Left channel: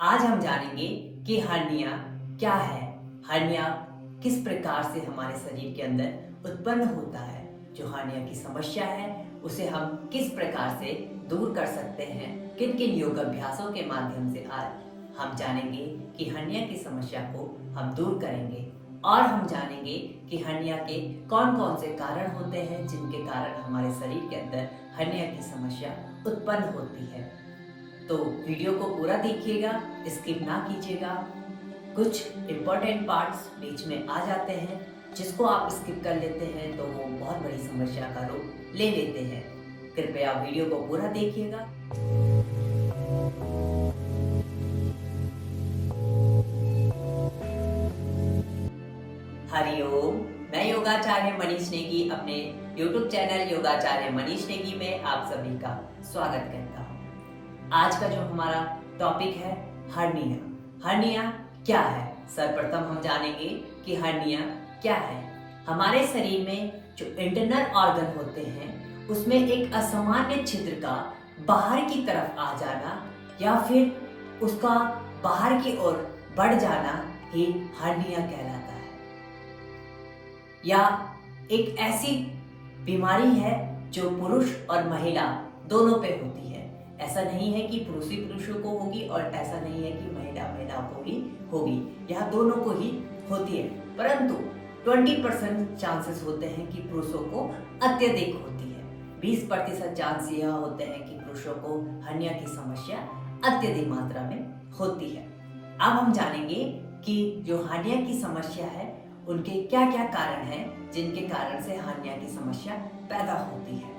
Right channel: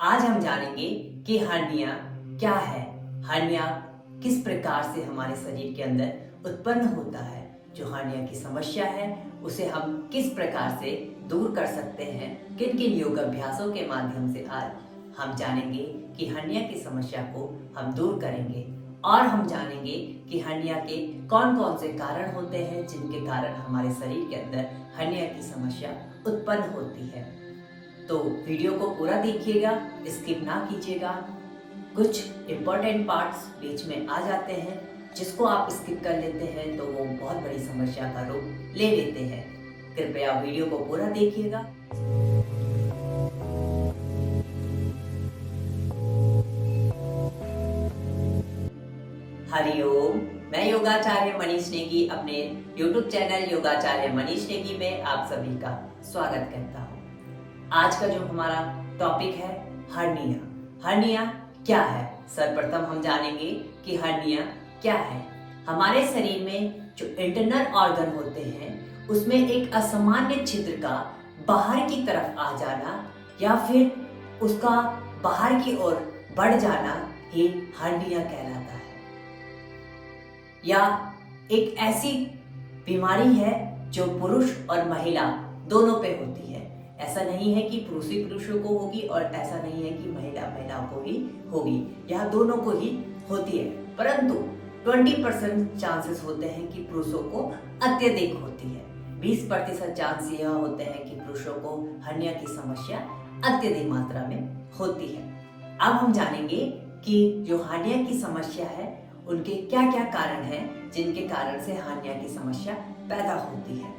आज हम जानेंगे कि हर्निया क्या है। हर्निया किस प्रकार से हमारे शरीर के अंदर उत्पन्न होता है। जो हर्निया की समस्या है उसे हम किस प्रकार से दूर कर सकते हैं, किन किन योग अभ्यासों के माध्यम से आज हम जानेंगे कि हर्निया की समस्या को हम दूर करेंगे। और हम जानेंगे कि हर्निया के कौन कौन से कारण होते हैं जिनके कारण हमारे शरीर के अंदर हर्निया की समस्या उत्पन्न होती है। तो वीडियो को पूरा देखिएगा, स्किप ना कीजिएगा। कुछ इम्पोर्टेंट पार्ट्स बीच में आ जाते हैं जिसको आप स्किप कर लेते हैं तो वो बहुत बड़ी समस्या का रूप ले लेते हैं। कृपया वीडियो को पूरा देखिएगा। हरिओम, मैं योगाचार्य मनीष नेगी अपने YouTube चैनल योगाचार्य मनीष नेगी में आप सभी का स्वागत करता हूँ। आज का जो हमारा टॉपिक है हर्निया। हर्निया क्या है? सर्वप्रथम हम जानेंगे कि हर्निया क्या है। हमारे शरीर में जो इंटरनल ऑर्गन होते हैं उसमें एक असामान्य छिद्र का बाहर की तरफ आ जाना या फिर उसका बाहर की ओर बढ़ जाना ही हर्निया कहलाता है। या एक ऐसी बीमारी है जो पुरुष और महिला दोनों पे होती है। ऐसा नहीं है कि पुरुष ही पुरुषों को होगी और ऐसा नहीं है कि महिला महिलाओं को ही होगी, यह दोनों को ही होती है। परंतु 20% चांसेस होते हैं कि पुरुषों को अत्यधिक होती है। 20% चांस यह होते हैं कि पुरुषों को हर्निया की समस्या अत्यधिक मात्रा में होती है। अब हम जानेंगे कि जो हर्निया की समस्या है उनके क्या क्या कारण हैं जिनके कारण से हर्निया की समस्या पैदा होती है।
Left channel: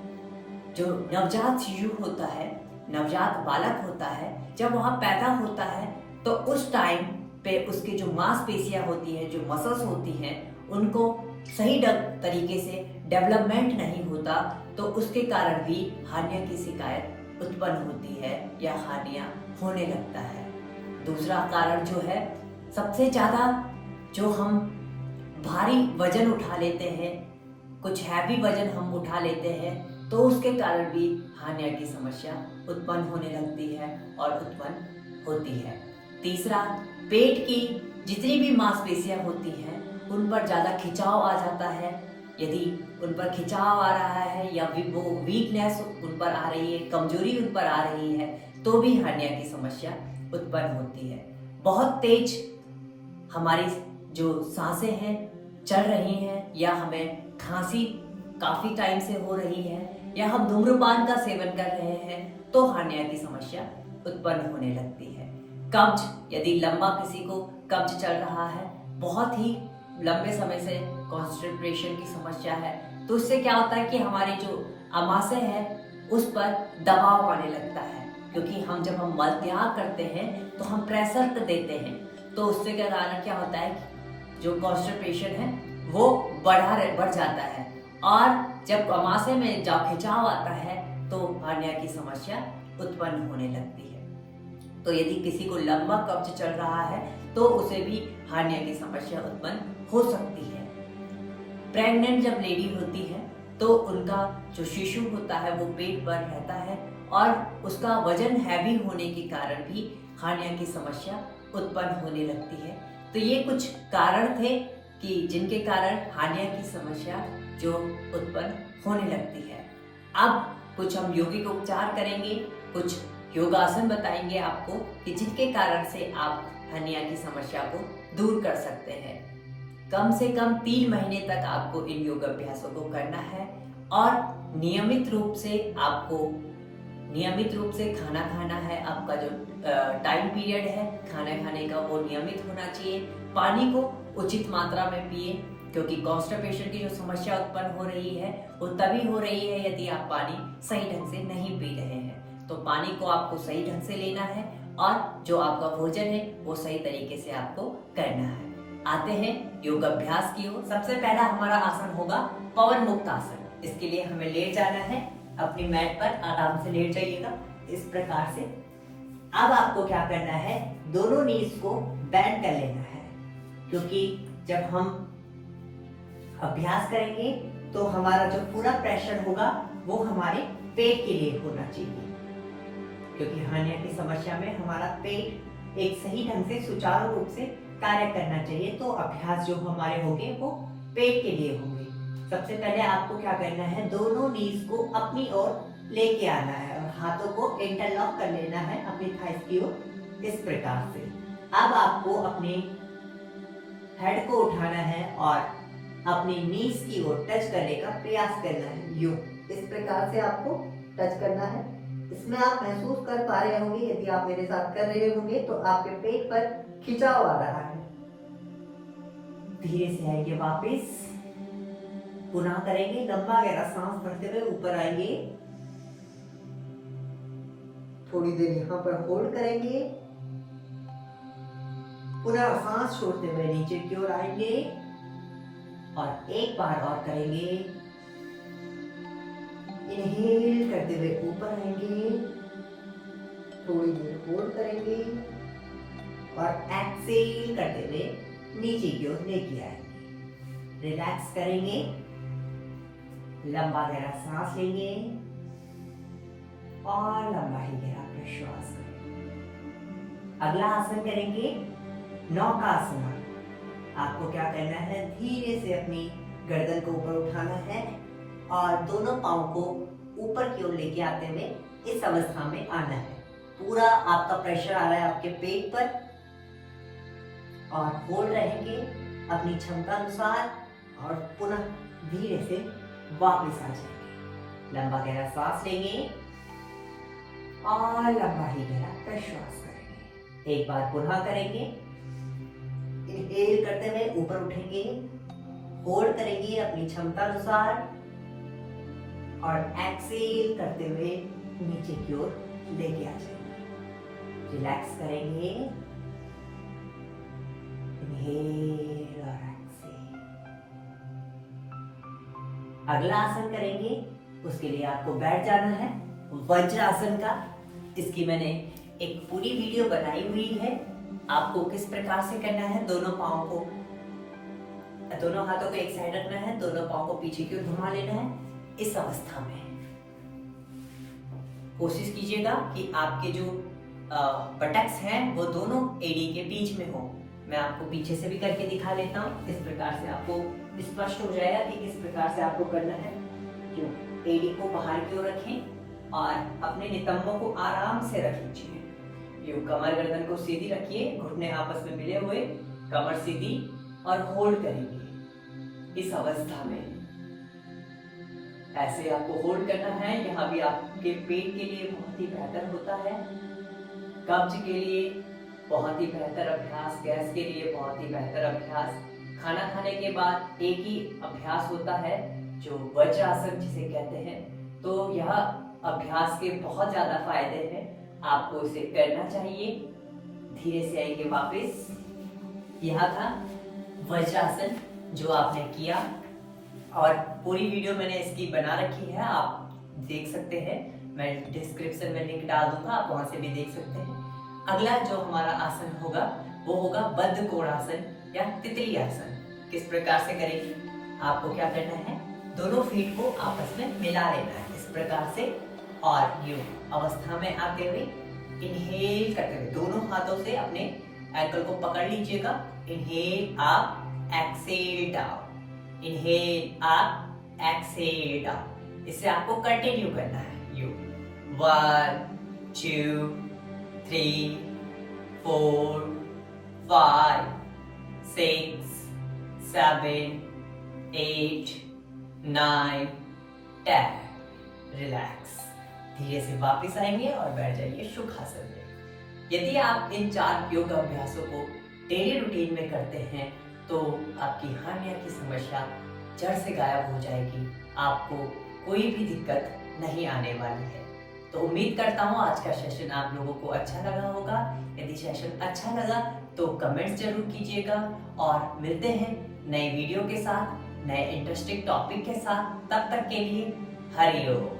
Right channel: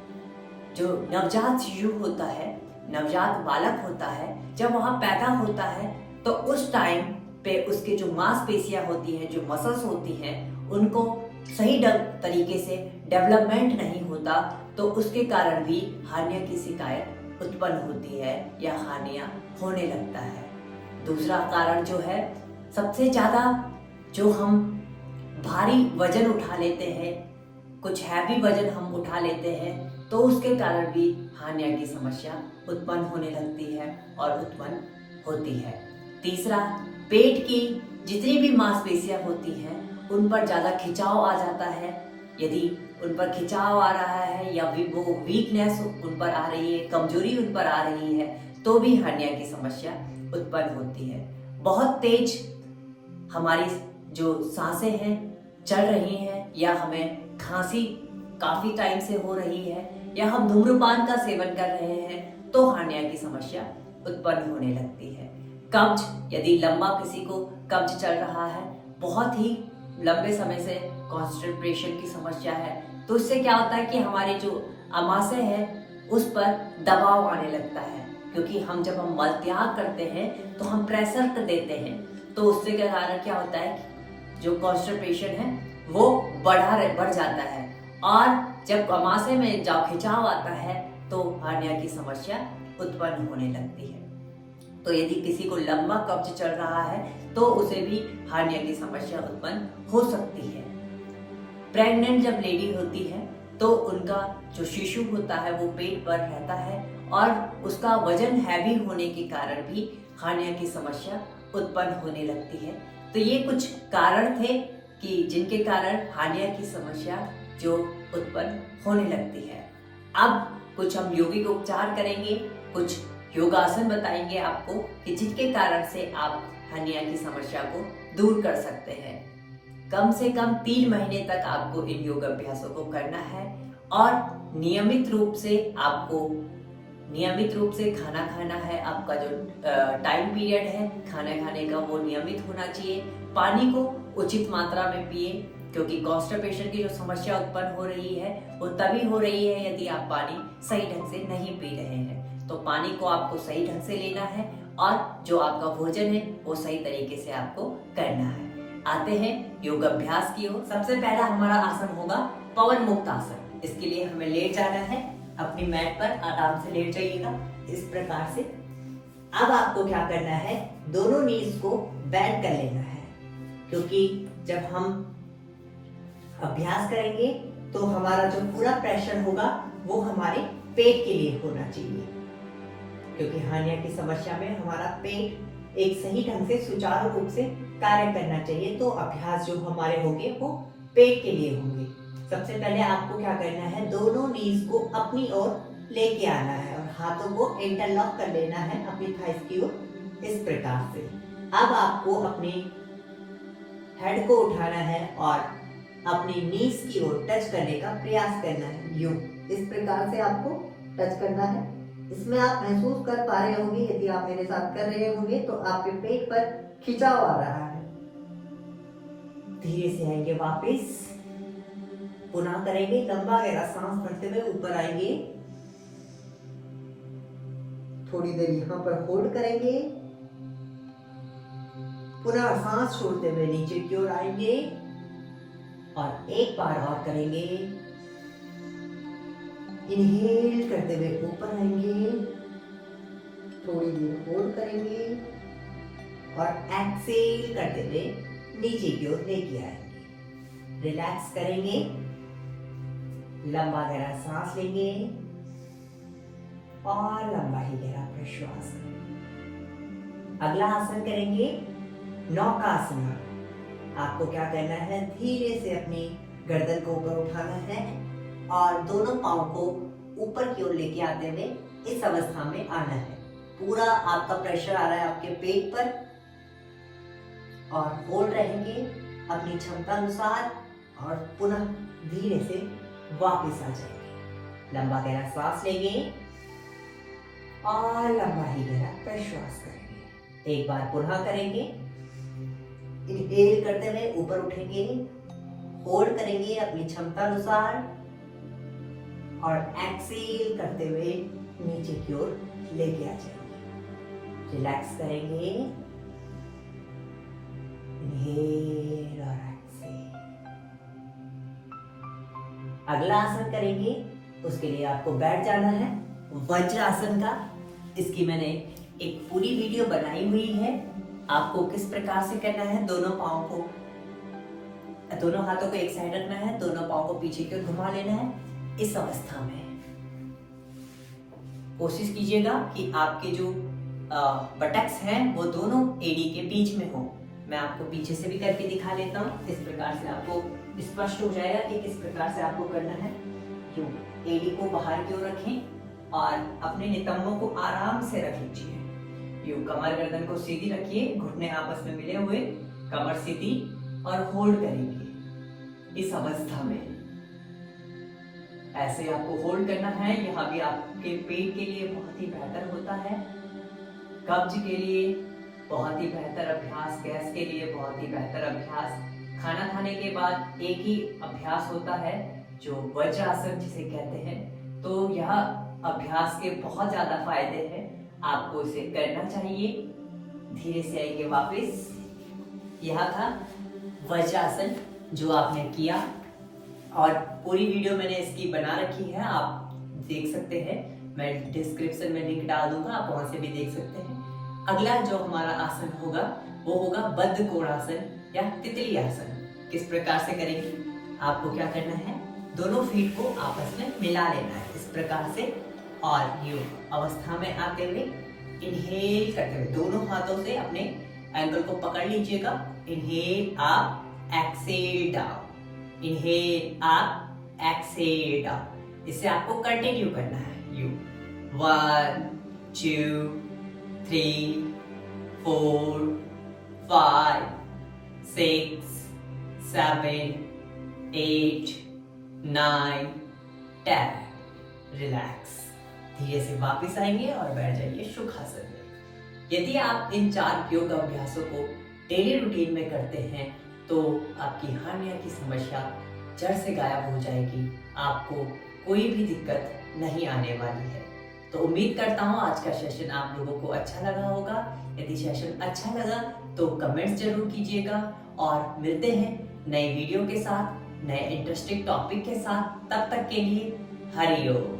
जो नवजात शिशु होता है, नवजात बालक होता है, जब वह पैदा होता है तो उस टाइम पे उसके जो मांसपेशियां होती हैं, जो मसल्स होती हैं, उनको सही तरीके से डेवलपमेंट नहीं होता, तो उसके कारण भी हर्निया की शिकायत उत्पन्न होती है या हर्निया होने लगता है। दूसरा कारण जो है, सबसे ज्यादा जो हम भारी वजन उठा लेते हैं, कुछ हैवी वजन हम उठा लेते हैं, तो उसके कारण भी हर्निया की समस्या उत्पन्न होने लगती है और उत्पन्न होती है। तीसरा, पेट की जितनी भी मांसपेशियां होती हैं उन पर ज़्यादा खिंचाव आ जाता है। यदि उन पर खिंचाव आ रहा है या वो वीकनेस उन पर आ रही है, कमजोरी उन पर आ रही है, तो भी हर्निया की समस्या उत्पन्न होती है। बहुत तेज हमारी जो सांसें हैं चल रही हैं, या हमें खांसी काफी टाइम से हो रही है, या हम धूम्रपान का सेवन कर रहे हैं, तो हर्निया की समस्या उत्पन्न होने लगती है। कब्ज, यदि लंबा किसी को कब्ज चल रहा है, बहुत ही लंबे समय से कॉन्स्टिपेशन की समस्या है, तो इससे क्या होता है कि हमारी जो आमाशय है उस पर दबाव आने लगता है। क्योंकि जब हम मल त्याग करते हैं तो हम प्रेशर देते हैं, तो उससे क्या कारण क्या होता है कि जो कॉन्स्टिपेशन है वो बढ़ जाता है, और जब आमाशय में जब खिंचाव आता है तो हर्निया की समस्या उत्पन्न होने लगती है। तो यदि किसी को लंबा कब्ज चल रहा है तो उसे भी हर्निया की समस्या उत्पन्न हो सकती है। प्रेग्नेंट जब लेडी होती है तो उनका जो शिशु होता है वो पेट पर रहता है और उसका वजन हैवी होने के कारण भी हर्निया की समस्या उत्पन्न होने लगती है। तो ये कुछ कारण थे कि जिनके कारण हर्निया की समस्या जो उत्पन्न होने लगती है। अब कुछ हम यौगिक उपचार करेंगे, कुछ योगासन बताएंगे आपको कि जिनके कारण से आप हर्निया की समस्या को दूर कर सकते हैं। कम से कम 3 महीने तक आपको इन योग अभ्यासों को करना है और नियमित रूप से खाना खाना है। आपका जो टाइम पीरियड है खाना खाने का वो नियमित होना चाहिए। पानी को उचित मात्रा में पिए, क्योंकि कॉन्स्टिपेशन की जो समस्या उत्पन्न हो रही है वो तभी हो रही है यदि आप पानी सही ढंग से नहीं पी रहे हैं। तो पानी को आपको सही ढंग से लेना है और जो आपका भोजन है वो सही तरीके से आपको करना है। आते हैं योग अभ्यास की ओर। सबसे पहला हमारा आसन होगा पवन मुक्त आसन। इसके लिए हमें लेट जाना है, अपनी मैट पर आराम से लेट जाइएगा इस प्रकार से। अब आपको क्या करना है, दोनों नीज को बेंड कर लेना है, क्योंकि जब हम अभ्यास करेंगे तो हमारा जो पूरा प्रेशर होगा वो हमारे पेट के लिए होना चाहिए, क्योंकि हर्निया की समस्या में हमारा पेट एक सही ढंग से सुचारू रूप से कार्य करना चाहिए। तो अभ्यास जो हमारे होंगे वो पेट के लिए होंगे। सबसे पहले आपको क्या करना है, दोनों नीज को अपनी ओर लेके आना है और हाथों को इंटरलॉक कर लेना है अपनी थाइस की ओर, इस प्रकार से। अब आपको अपने हेड को उठाना है और अपनी नीज की ओर टच करने का प्रयास करना है। यूं इस प्रकार से आपको टच करना है। इसमें आप महसूस कर पा रहे होंगे, यदि आप मेरे साथ कर रहे होंगे तो आपके पेट पर खिंचाव आ रहा है। धीरे से आएंगे वापस, पुनः करेंगे, लंबा गहरा सांस भरते हुए ऊपर आएंगे, थोड़ी देर यहाँ पर होल्ड करेंगे, पुनः सांस छोड़ते हुए नीचे की ओर आएंगे और एक बार और करेंगे। इनहेल करते हुए ऊपर आएंगे, थोड़ी देर होल्ड करेंगे और एक्सेल करते हुए नीचे की ओर लेके आएंगे। रिलैक्स करेंगे, लंबा गहरा सांस लेंगे और लंबा ही गहरा प्रश्वास करेंगे। अगला आसन करेंगे नौकासन। आपको क्या करना है, धीरे से अपनी गर्दन को ऊपर उठाना है और दोनों पांव को ऊपर की ओर लेके आते हुए इस अवस्था में आना है। पूरा आपका प्रेशर आ रहा है आपके पेट पर और होल्ड रहेंगे अपनी क्षमता अनुसार और पुनः धीरे से वापस आ जाएंगे। लंबा गहरा सांस लेंगे और लंबा ही गहरा प्रश्वास करेंगे। एक बार पुनः करेंगे, इनहेल करते हुए ऊपर उठेंगे, होल्ड करेंगे अपनी क्षमता अनुसार और एक्सेल करते हुए नीचे की ओर लेके आ जाएंगे। रिलैक्स करेंगे, इनहेल और एक्सेल। अगला आसन करेंगे, उसके लिए आपको बैठ जाना है वज्रासन का। इसकी मैंने एक पूरी वीडियो बनाई हुई है। आपको किस प्रकार से करना है, दोनों पांव को, दोनों हाथों को एक साइड रखना है, दोनों पांव को पीछे की ओर घुमा लेना है। इस अवस्था में कोशिश कीजिएगा कि आपके जो बटक्स हैं वो दोनों एड़ी के बीच में हो। मैं आपको पीछे से भी करके दिखा लेता हूँ। इस प्रकार से आपको स्पष्ट हो जाएगा कि किस प्रकार से आपको करना है। जो एड़ी को बाहर की ओर रखें और अपने नितंबों को आराम से रख लीजिए। यूं कमर गर्दन को सीधी रखिए, घुटने आपस में मिले हुए, कमर सीधी और होल्ड करेंगे इस अवस्था में। ऐसे आपको होल्ड करना है। यहाँ भी आपके पेट के लिए बहुत ही बेहतर होता है, कब्ज के लिए बहुत ही बेहतर अभ्यास, गैस के लिए बहुत ही बेहतर अभ्यास। खाना खाने के बाद एक ही अभ्यास होता है जो वज्रासन जिसे कहते हैं। तो यह अभ्यास के बहुत ज्यादा फायदे हैं, आपको इसे करना चाहिए। धीरे से आएंगे वापस। यह था वज्रासन जो आपने किया और पूरी वीडियो मैंने इसकी बना रखी है, आप देख सकते हैं। मैं डिस्क्रिप्शन में लिंक डाल दूंगा, आप वहां से भी देख सकते हैं। अगला जो हमारा आसन होगा वो होगा बद्ध कोणासन या तितली आसन। किस प्रकार से करेंगे, आपको क्या करना है, दोनों फीट को आपस में मिला लेना है इस प्रकार से और यूं अवस्था में आते हुए इनहेल करते हुए दोनों हाथों से अपने एंकल को पकड़ लीजिएगा। Inhale up, exhale down, inhale up, exhale down. इसे आपको कंटिन्यू करना है। यू 1 2 3 4 5 6 7 8 9 10। रिलैक्स, धीरे से वापस आएंगे और बैठ जाइए सुखासन में। यदि आप इन 4 योग अभ्यासों को डेली रूटीन में करते हैं तो आपकी हर्निया की समस्या जड़ से गायब हो जाएगी, आपको कोई भी दिक्कत नहीं आने वाली है। तो उम्मीद करता हूँ आज का सेशन आप लोगों को अच्छा लगा होगा। यदि सेशन अच्छा लगा तो कमेंट्स जरूर कीजिएगा और मिलते हैं नए वीडियो के साथ, नए इंटरेस्टिंग टॉपिक के साथ। तब तक के लिए हरि ओम।